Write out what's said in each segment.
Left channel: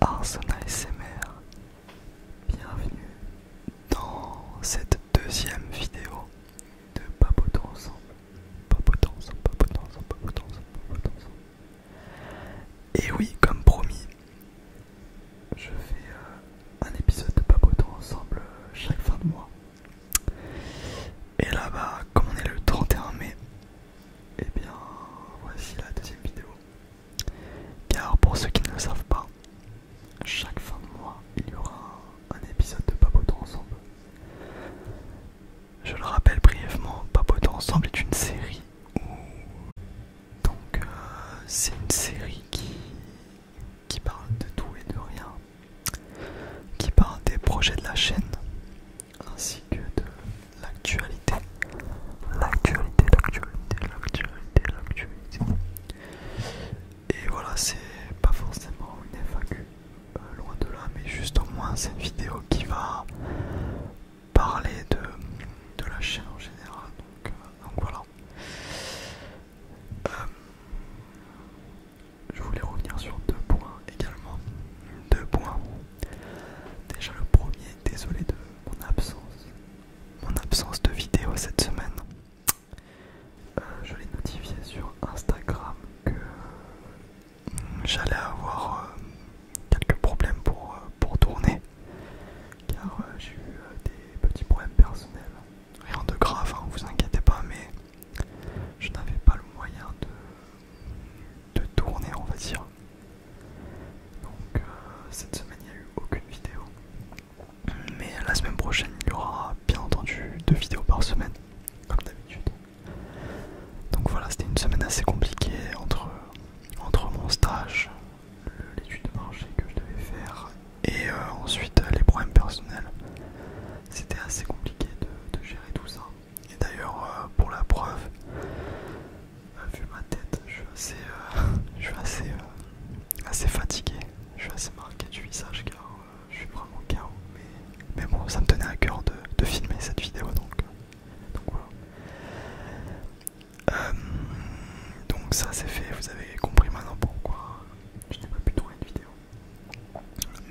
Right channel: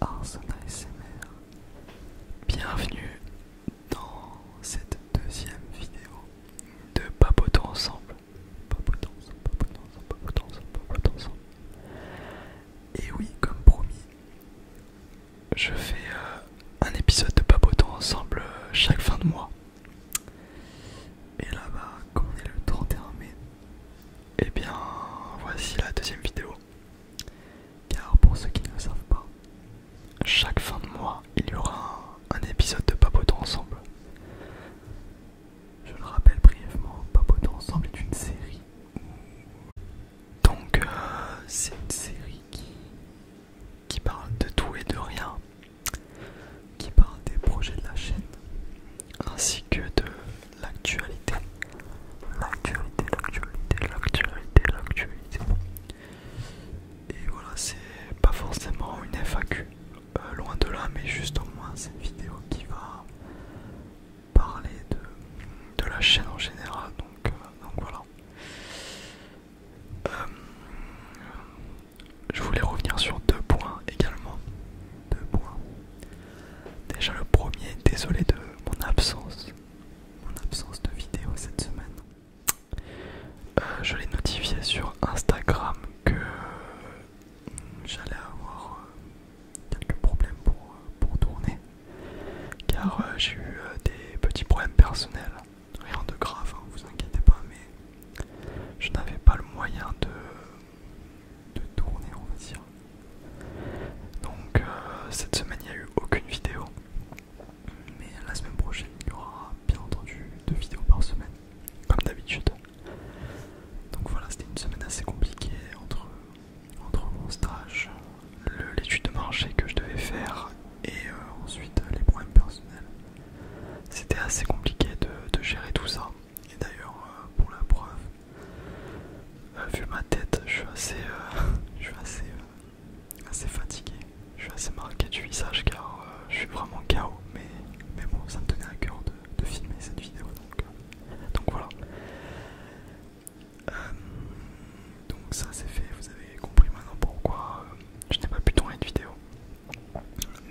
Arson ASMR. Bienvenue dans cette deuxième vidéo de Papotons ensemble. Papotons ensemble, papotons ensemble, papotons ensemble, papotons ensemble. Et oui, comme promis, je fais un épisode de Papotons ensemble chaque fin de mois. Et là, comme on est le 31 mai, et bien voici la deuxième vidéo. Car pour ceux qui ne le savent pas, chaque fin de mois, il y aura un épisode de Papotons ensemble. Je le rappelle brièvement, Papotons ensemble est une série donc c'est une série qui parle de tout et de rien, qui parle des projets de la chaîne, ainsi que de l'actualité. Et voilà, c'est pas forcément une FAQ, loin de là, mais juste au moins c'est une vidéo qui va parler de la chaîne en général, donc voilà. Je voulais revenir sur deux points également. Deux points. Déjà le premier, désolé de mon absence de vidéo cette semaine. Je l'ai notifié sur Instagram que j'allais avoir quelques problèmes pour tourner, car j'ai eu des petits problèmes personnels. Rien de grave, hein, vous inquiétez pas, mais je n'avais pas le moyen de tourner, on va dire. Donc cette semaine il n'y a eu aucune vidéo, mais la semaine prochaine il y aura bien entendu 2 vidéos par semaine, comme d'habitude. Donc voilà, c'était une semaine assez compliquée entre mon stage, l'étude de marché que je devais faire et ensuite les problèmes personnels. C'était assez compliqué de gérer tout ça. Et d'ailleurs, pour la preuve, vu ma tête, je suis assez fatigué, je suis assez marqué du visage car je suis vraiment KO. Mais bon, ça me tenait à cœur de filmer cette vidéo, donc voilà. Donc ça c'est fait, vous avez compris maintenant pourquoi je n'ai pas pu tourner de vidéo.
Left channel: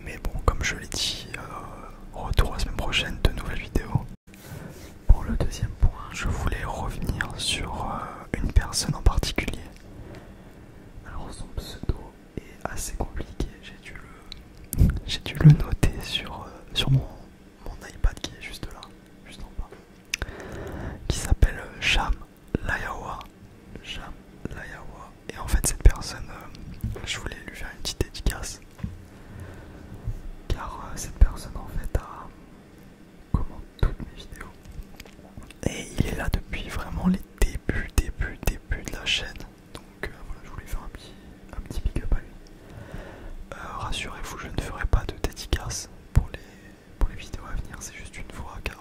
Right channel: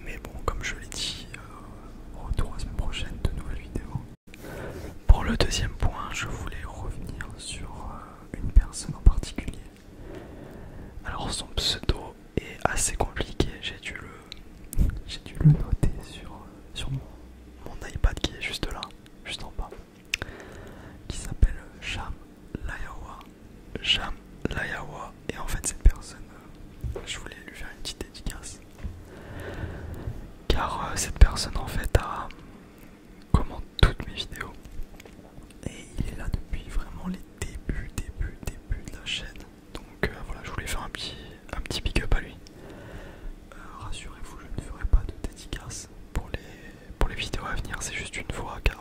Mais bon, comme je l'ai dit, retour la semaine prochaine, de nouvelles vidéos. Pour le deuxième point, je voulais revenir sur une personne en particulier. Alors son pseudo est assez compliqué, j'ai dû le noter sur mon iPad qui est juste là, juste en bas, qui s'appelle Jam Layawa. Et en fait cette personne, je voulais lui faire une petite dédicace, car cette personne en fait commente toutes mes vidéos et il est là depuis vraiment les débuts de la chaîne. Donc voilà, je voulais faire un petit big up à lui. Rassurez-vous, je ne ferai pas de dédicace pour les vidéos à venir, c'est juste une fois, car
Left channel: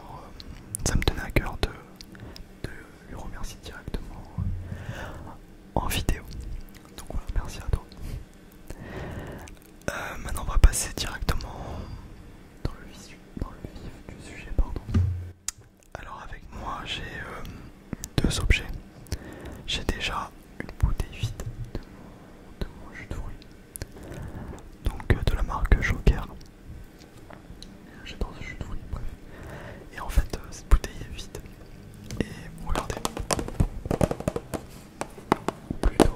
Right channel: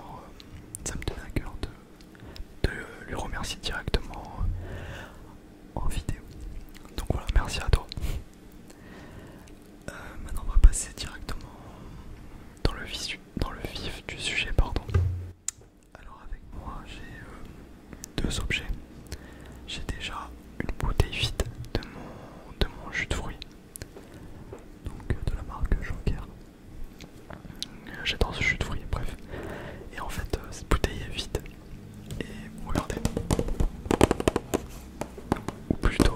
ça me tenait à cœur de lui remercier directement en vidéo. Donc voilà, merci à toi. Maintenant on va passer directement dans le vif du sujet, pardon. Alors avec moi j'ai deux objets. J'ai déjà une bouteille vide de mon jus de fruits, donc de la marque Joker. J'adore ce jus de fruits, bref. Et en fait cette bouteille est vide. Et regardez. Ou plutôt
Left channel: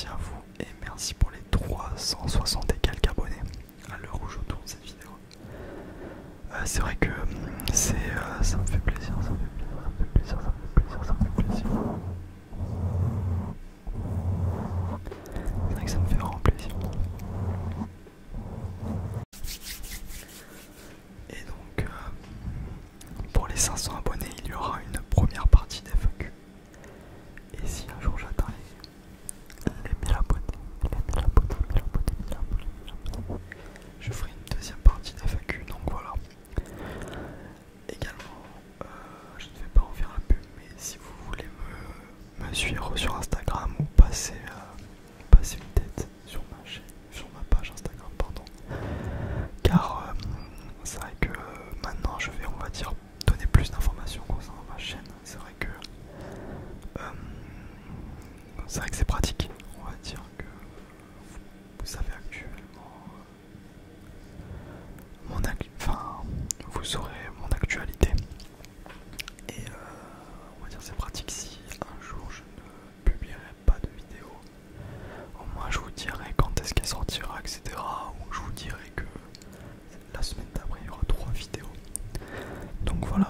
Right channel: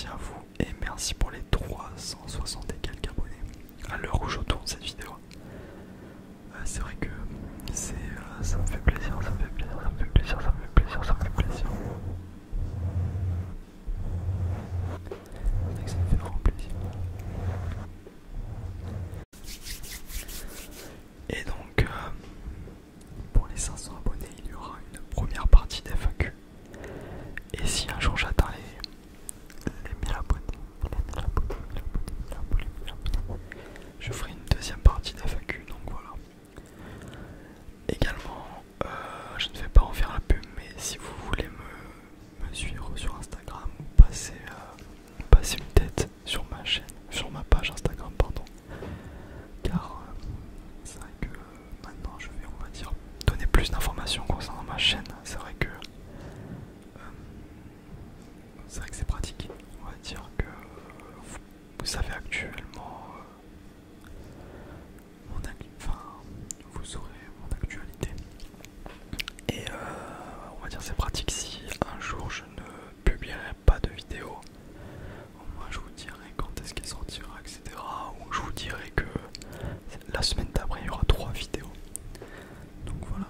merci à vous et merci pour les 360 et quelques abonnés à l'heure où je tourne cette vidéo. C'est vrai que ça me fait plaisir, ça me fait plaisir, ça me fait plaisir, ça me fait plaisir, ça me fait plaisir. C'est vrai que ça me fait vraiment plaisir. Et donc pour les 500 abonnés, il y aura une première partie d'FAQ. Et si un jour j'atteins les 1000 abonnés, je ferai une deuxième partie d'FAQ, donc voilà. Également, je ne vais pas en faire la pub, mais si vous voulez me suivre sur Instagram ou passer une tête sur ma chaîne, sur ma page Instagram, pardon. Car c'est vrai que maintenant je vais, on va dire, donner plus d'informations concernant ma chaîne. C'est vrai que c'est pratique. On va dire que vous savez actuellement vous saurez mon actualité. Et on va dire c'est pratique si un jour je ne publierai pas de vidéo. Au moins je vous dirai quand est-ce qu'elle sortira, etc. Ou je vous dirai que la semaine d'après il y aura 3 vidéos. Donc voilà,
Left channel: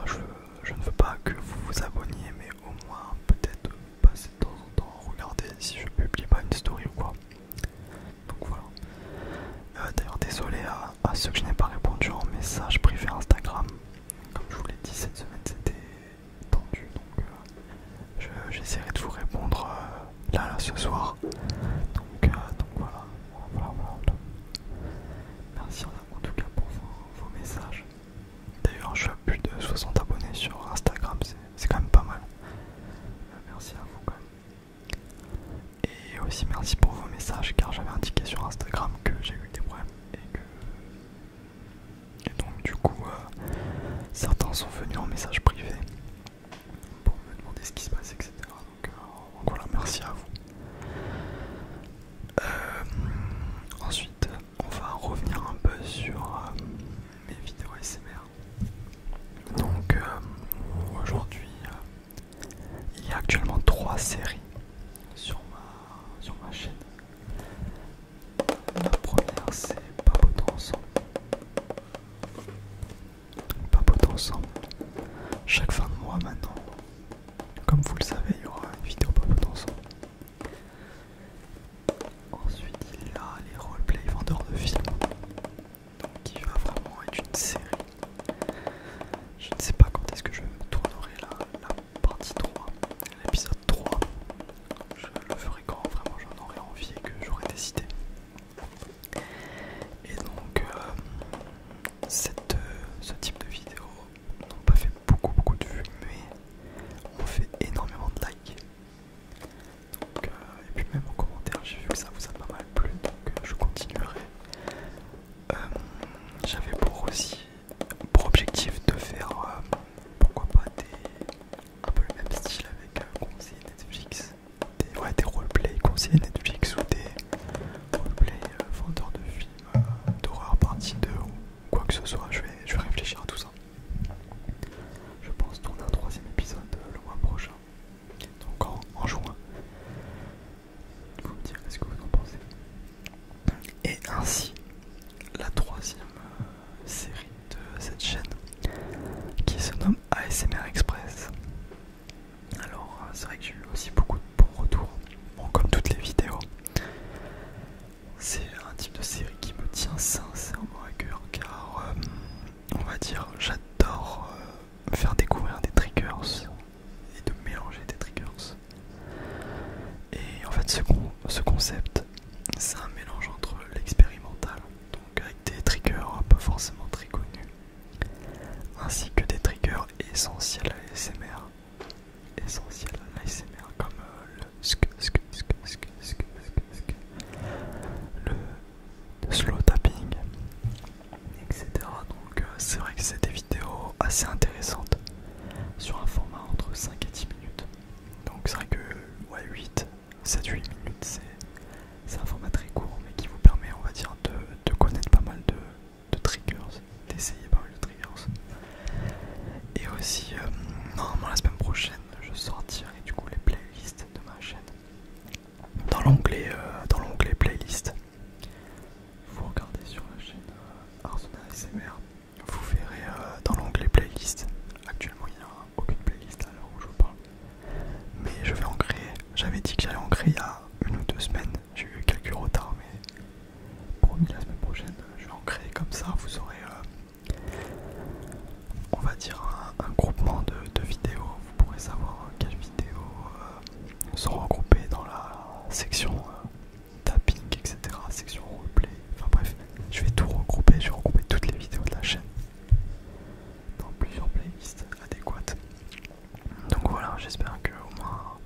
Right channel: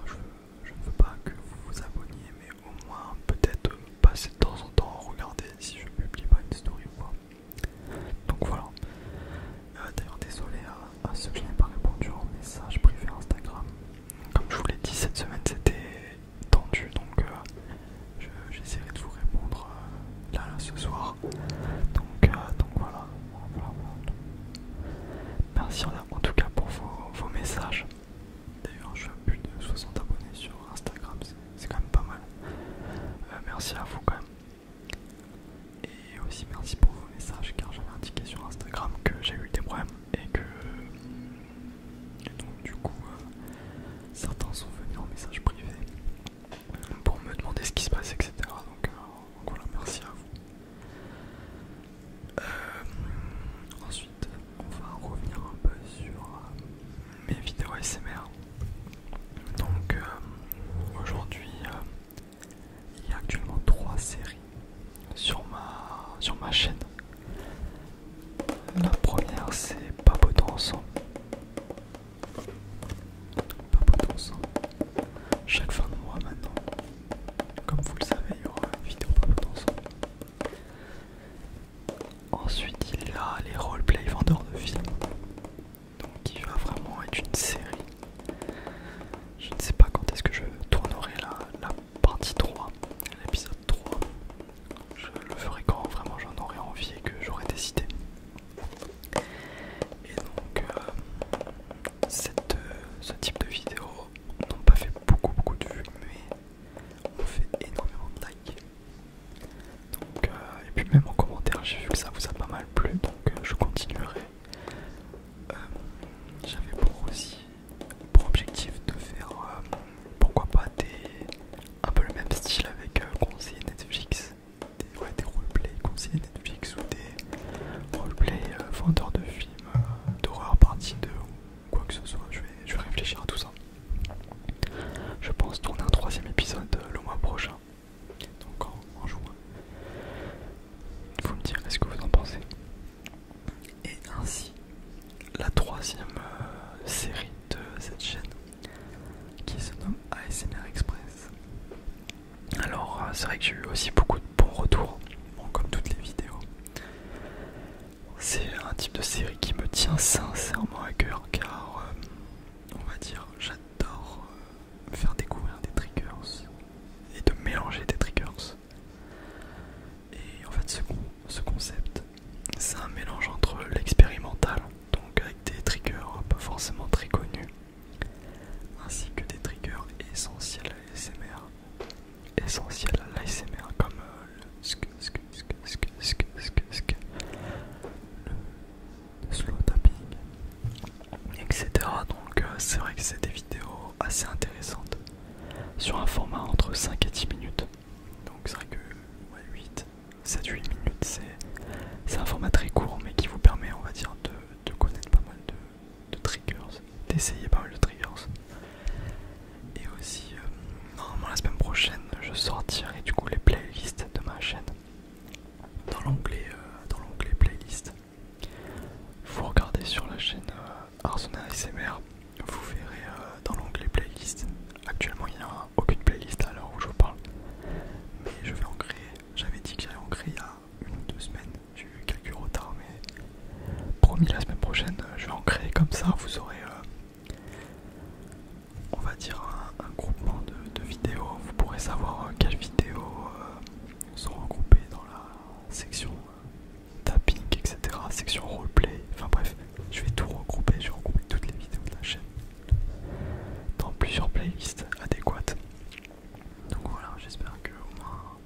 je ne veux pas que vous vous abonniez, mais au moins peut-être passer de temps en temps, regarder si je publie pas une story ou quoi. Donc voilà. D'ailleurs désolé à ceux que je n'ai pas répondu en message privé Instagram. Comme je vous l'ai dit, cette semaine c'était tendu, donc j'essaierai de vous répondre là ce soir. Donc voilà. Merci en tout cas pour vos messages. D'ailleurs je suis à plus de 60 abonnés sur Instagram, c'est quand même pas mal. Merci à vous quand même. Et aussi merci pour vos messages, car j'avais indiqué sur Instagram que j'ai eu des problèmes et donc du coup certains sont venus en message privé pour me demander ce qui se passe, etc. Donc voilà, merci à vous. Ensuite on va revenir un peu sur mes vidéos ASMR. Donc aujourd'hui il y a actuellement 3 séries sur ma chaîne. La première c'est Papoter ensemble. Papoter ensemble. Chaque fin de mois maintenant, comme vous le savez, il y aura une vidéo Papoter ensemble. Ensuite il y a les roleplay vendeurs de films. Donc qui va vraiment être une série. Je ne sais pas quand est-ce que je tournerai la partie 3, l'épisode 3. Je le ferai quand vraiment j'en aurai envie et que j'aurai décidé. Et donc ce type de vidéos n'ont pas fait beaucoup de vues, mais ont fait énormément de likes. Donc, et puis même en commentaire j'ai vu que ça vous a pas mal plu, donc je continuerai. J'avais pour objectif de faire pourquoi pas un peu le même style avec conseiller Netflix, des roleplay conseillers Netflix ou des roleplay vendeurs de films d'horreur partie 2 ou quoi que ce soit. Je vais réfléchir à tout ça. Je pense tourner un 3e épisode le mois prochain, donc en juin. Vous me direz ce que vous en pensez. Et ainsi la 3e série de cette chaîne qui se nomme ASMR Express. Alors c'est vrai que j'ai eu aussi beaucoup de bons retours, bon, comme toutes les vidéos. C'est un type de série qui me tient sincèrement à cœur, car on va dire j'adore faire découvrir des triggers et de mélanger des triggers. Et en fait ce concept, c'est un mélange entre l'expérimental, donc avec des triggers pas forcément très connus, ainsi que des triggers essentiels à l'ASMR. Comme le slow tapping, etc. Donc c'est vrai que c'est des vidéos assez intéressantes sur un format entre 5 et 10 minutes. Donc c'est vrai que 7-8 minutes c'est un format très court, mais qui vous permet, on va dire, de connaître pas mal de triggers, d'essayer pas mal de triggers. Et aussi normalement la semaine prochaine je sortirai vous aurez, on va dire, un groupement de vidéos. Vous pourrez savoir quelles vidéos sont regroupées dans la section tapping, etc., section roleplay. Enfin bref, je vais tout regrouper, je vais regrouper toutes les vidéos de la chaîne dans plusieurs playlists adéquates. Donc voilà, j'espère que au moins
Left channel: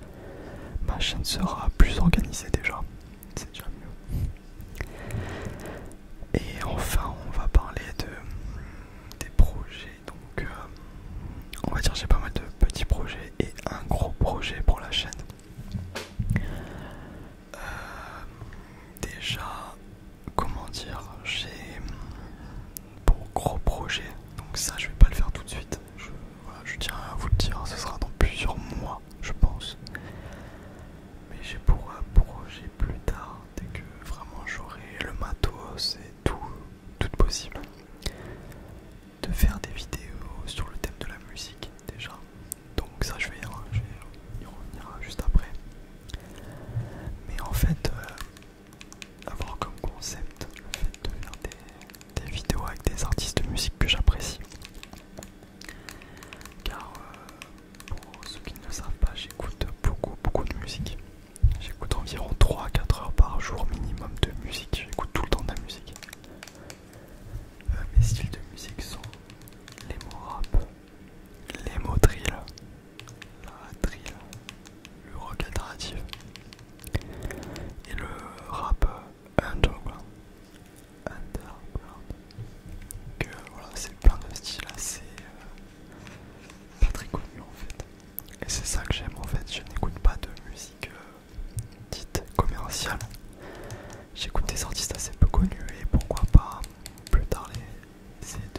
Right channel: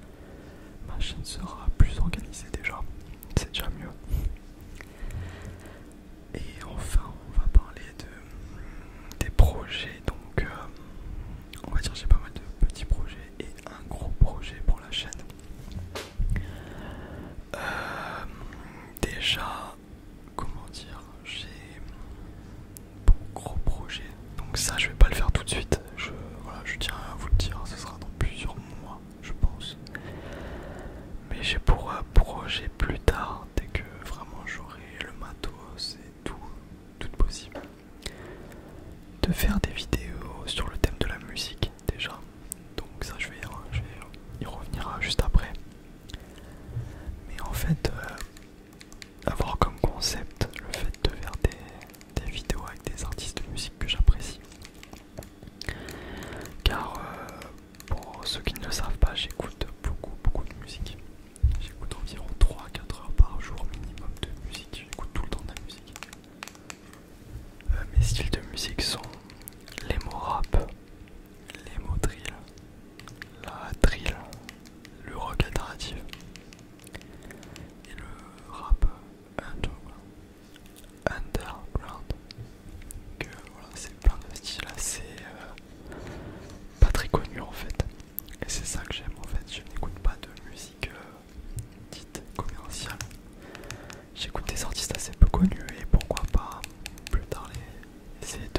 ma chaîne sera plus organisée déjà, c'est déjà mieux. Et enfin, on va parler des projets. Donc on va dire j'ai pas mal de petits projets et un gros projet pour la chaîne. Déjà, comment dire, j'ai pour gros projet, donc ça je vais pas le faire tout de suite, voilà, je tiens à vous le dire, ce sera dans plusieurs mois je pense, mais j'ai pour projet plus tard, dès que vraiment j'aurai le matos et tout possible, de faire des vidéos sur le thème de la musique déjà, donc ça je vais y revenir juste après, mais en fait avoir comme concept le fait de faire des vidéos avec des artistes de musique que j'apprécie. Car pour ceux qui ne le savent pas, j'écoute beaucoup de musique. J'écoute environ 3 à 4 heures par jour minimum de musique. J'écoute tout le temps de la musique. Mes styles de musique sont l'emo rap, l'emo drill, la drill, le rock alternatif et le rap underground. Que voilà, c'est plein de styles assez pas très connus en fait. Et c'est ça que j'aime en fait. Je n'écoute pas de musique dite commerciale. J'écoute des artistes assez peu connus et pourquoi pas plus tard essayer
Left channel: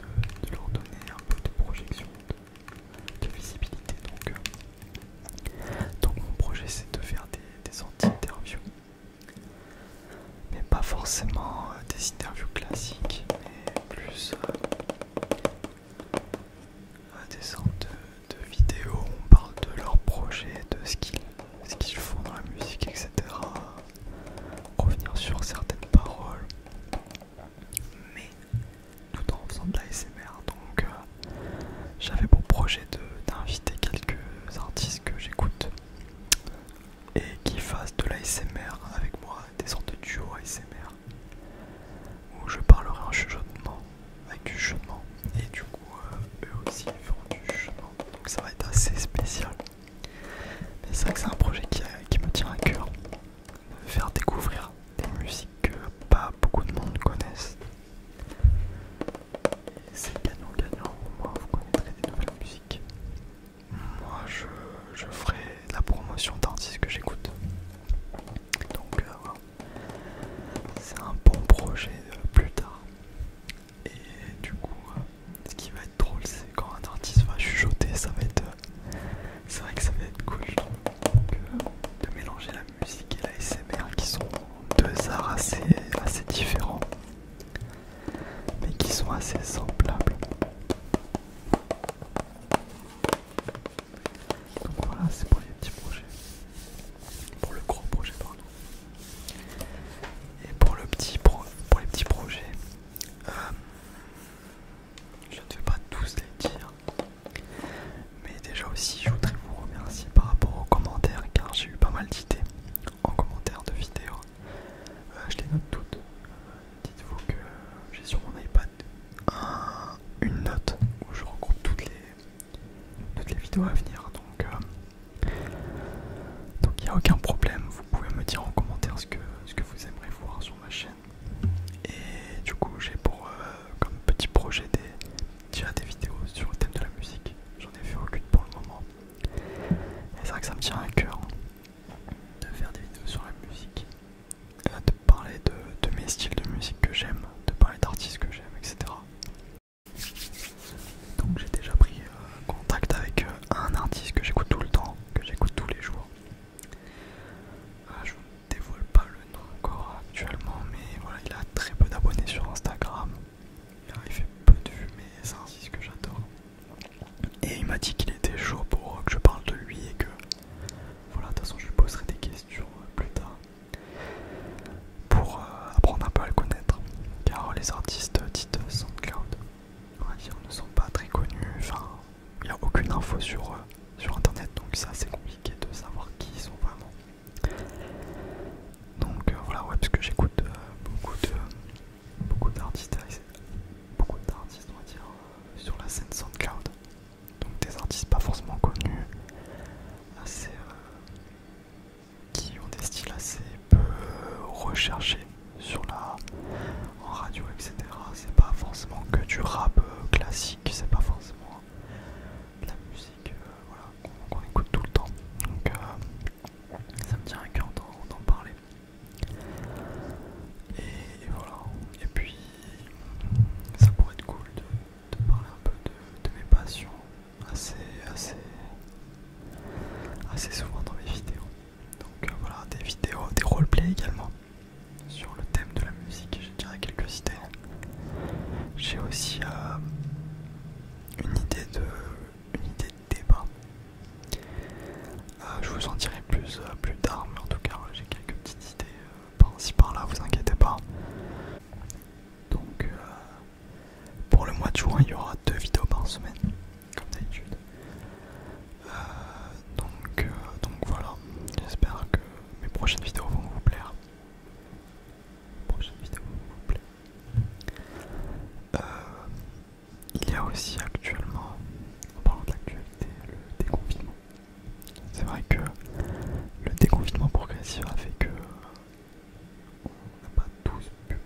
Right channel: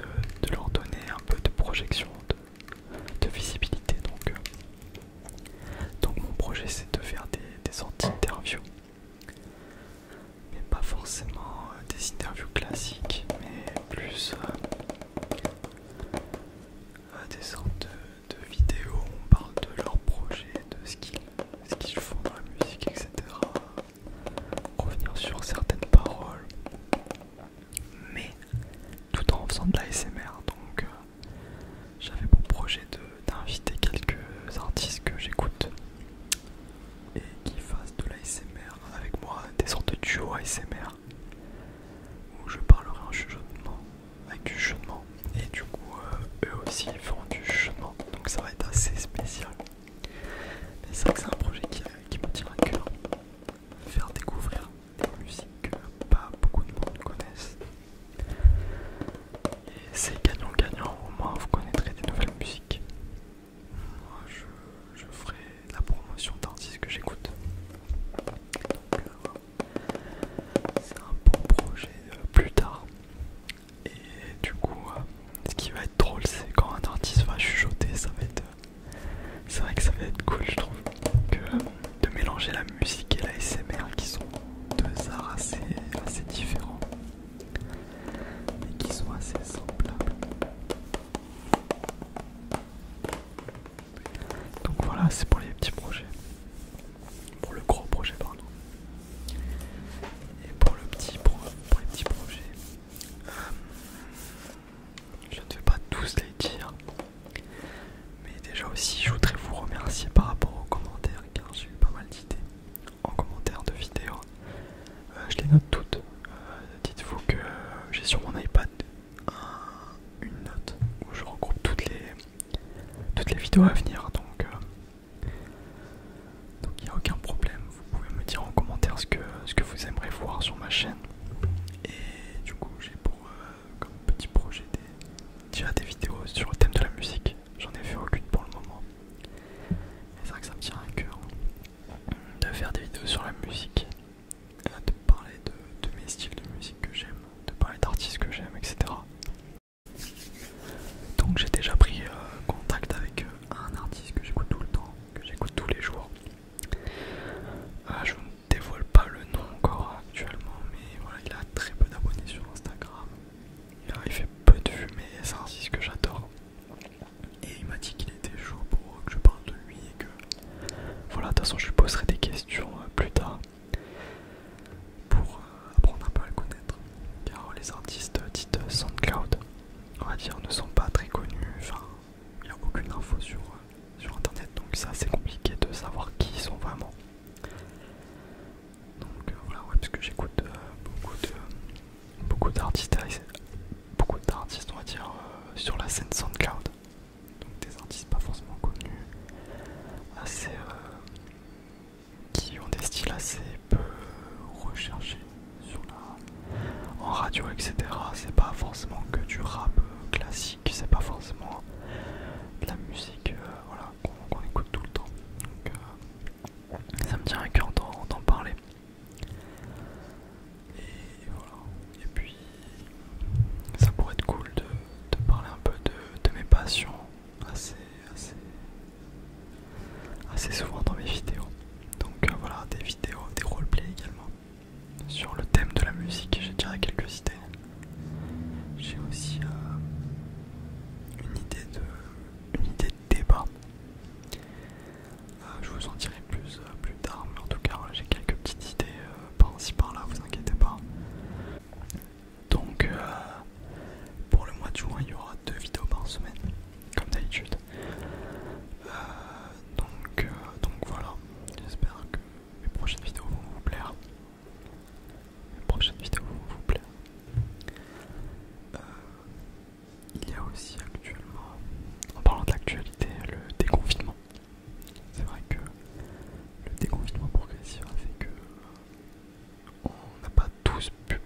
de leur donner un peu de projection, de visibilité. Donc mon projet c'est de faire des anti-interviews. Mais pas forcément des interviews classiques, mais plus des sortes de vidéos où on parle de leur projet, de ce qu'ils font dans la musique, etc. Revenir sur certaines paroles, mais tout en faisant de l'ASMR. Donc j'avais pour projet d'inviter quelques artistes que j'écoute et qui fassent de l'ASMR avec moi, des sortes de duos ASMR où je parlerai en chuchotement, avec du chuchotement, et du coup eux aussi feront du chuchotement, donc ça va être assez spécial. Mais c'est vrai que c'est un projet qui me tient à cœur, de faire découvrir des musiques que pas beaucoup de monde connaissent. Et c'est gagnant-gagnant, au moins vous connaîtrez des nouvelles musiques. Moi je ferai de la promotion d'artistes que j'écoute. Donc voilà. C'est un bon projet plus tard. Et du coup, ce qui va être drôle, c'est quand un artiste va chuchoter, ça va être. C'est vrai que ça va être cool, je trouve. De mélanger la musique et la SMR qui sont deux arts assez différents, mais qui sont assez semblables. Donc voilà, c'est pour les petits projets. Pour le gros projet, pardon. Et pour les petits projets, je ne vais pas tous les dire, mais déjà aussi je voudrais vous remercier par rapport aux commentaires, car j'ai eu pas mal d'idées en commentaire de vidéos. Je les note toutes. Dites-vous que j'ai sur mon iPad une note où je regroupe toutes les vidéos à venir, donc il n'y a aucun problème. Vous pouvez me dire en commentaire ce que vous aimeriez voir sur ma chaîne. Et du coup j'ai pour comme petit projet déjà des vidéos sur le thème de la musique. J'en ai fait aucune pour le moment. Et c'est vrai que ça me tient à cœur de faire des vidéos sur la musique, de parler de mes styles de musique que j'aime, de parler d'artistes que j'aime, etc. Donc j'ai déjà pris contact avec un artiste que j'écoute tout le temps, que j'écoute tous les jours. Je ne dévoile pas le nom encore actuellement, mais voilà, il a très peu d'abonnés sur Instagram. Il fait peu de vues, mais c'est un artiste que j'adore. Et il m'a dit qu'il était chaud pour que je parle de lui et que voilà, de toute façon je lui poserai des questions plus tard pour apprendre un peu à le connaître. Car les artistes dites SoundCloud parce que j'écoute beaucoup d'artistes, on va dire, sur la scène SoundCloud. Donc des artistes pas forcément connus, assez qui ont des styles assez peu recherchés en radio, etc. C'est pas forcément que du rap classique, c'est pas forcément de la musique voilà, qu'on écoute tout le temps. Donc ça me tient à cœur d'en parler. Et voilà. Et puis ça pourrait être cool de parler un peu de mes passions assez souvent dans mes vidéos. Donc voilà, des vidéos, des roleplays également sur le thème de la musique. J'ai déjà quelques idées. J'ai aussi une idée de débat. Je vous en dirai plus tard, mais en tout cas j'ai quelques petites idées par-ci par-là, vous inquiétez pas. Donc pour le mois de juin il y aura 2 vidéos par semaine, comme d'habitude. Donc voilà, j'espère que mes prochaines vidéos vont vous plaire. Il y a aussi actuellement, en parlant de l'actualité, le déconfinement. C'est vrai que le déconfinement progressif a fait que on n'a pas tous pu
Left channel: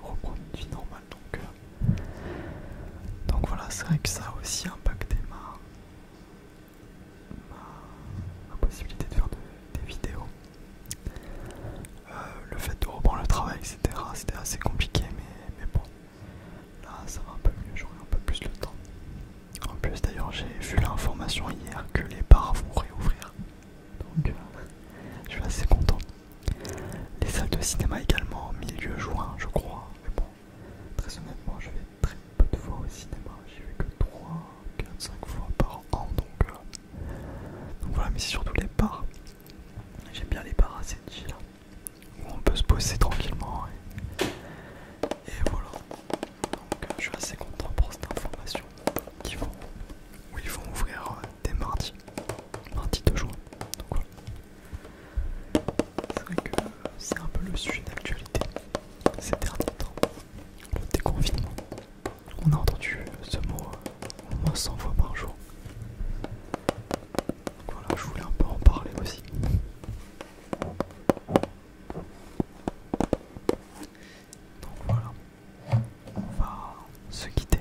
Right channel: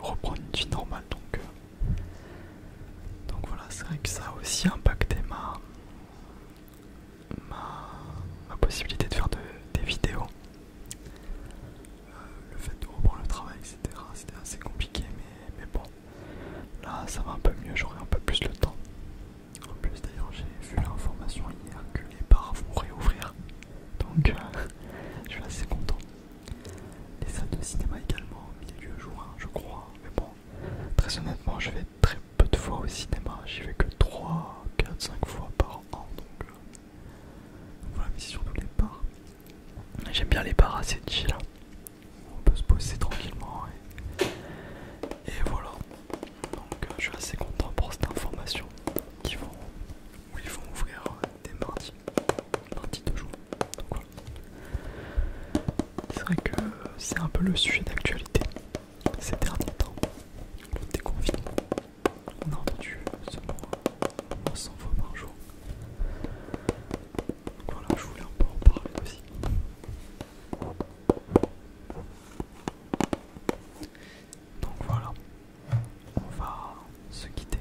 reprendre une vie normale. Donc voilà, c'est vrai que ça a aussi impacté ma possibilité de faire des vidéos. Le fait de reprendre le travail, etc. C'était assez compliqué, mais bon, là ça va un peu mieux, j'aurai un peu plus le temps. En plus d'ailleurs j'ai vu l'information hier que les bars vont réouvrir, donc je suis assez content. Les salles de cinéma également, milieu juin je crois, mais bon, très honnêtement je vais très peu de fois au cinéma, j'y vais que 3, 4, 5 fois par an, donc voilà, mais c'est surtout les bars. J'aime bien les bars assez chill, où on peut se poser tranquillement et voilà. Donc je suis assez content pour cette information où ils vont ouvrir dès mardi 2 juin. Donc voilà. C'est vrai que c'est un peu le sujet d'actualité ces derniers temps, le déconfinement. On a entendu ce mot au moins 100 fois par jour. Donc voilà, je voulais un peu en parler aussi. Donc voilà, on va se quitter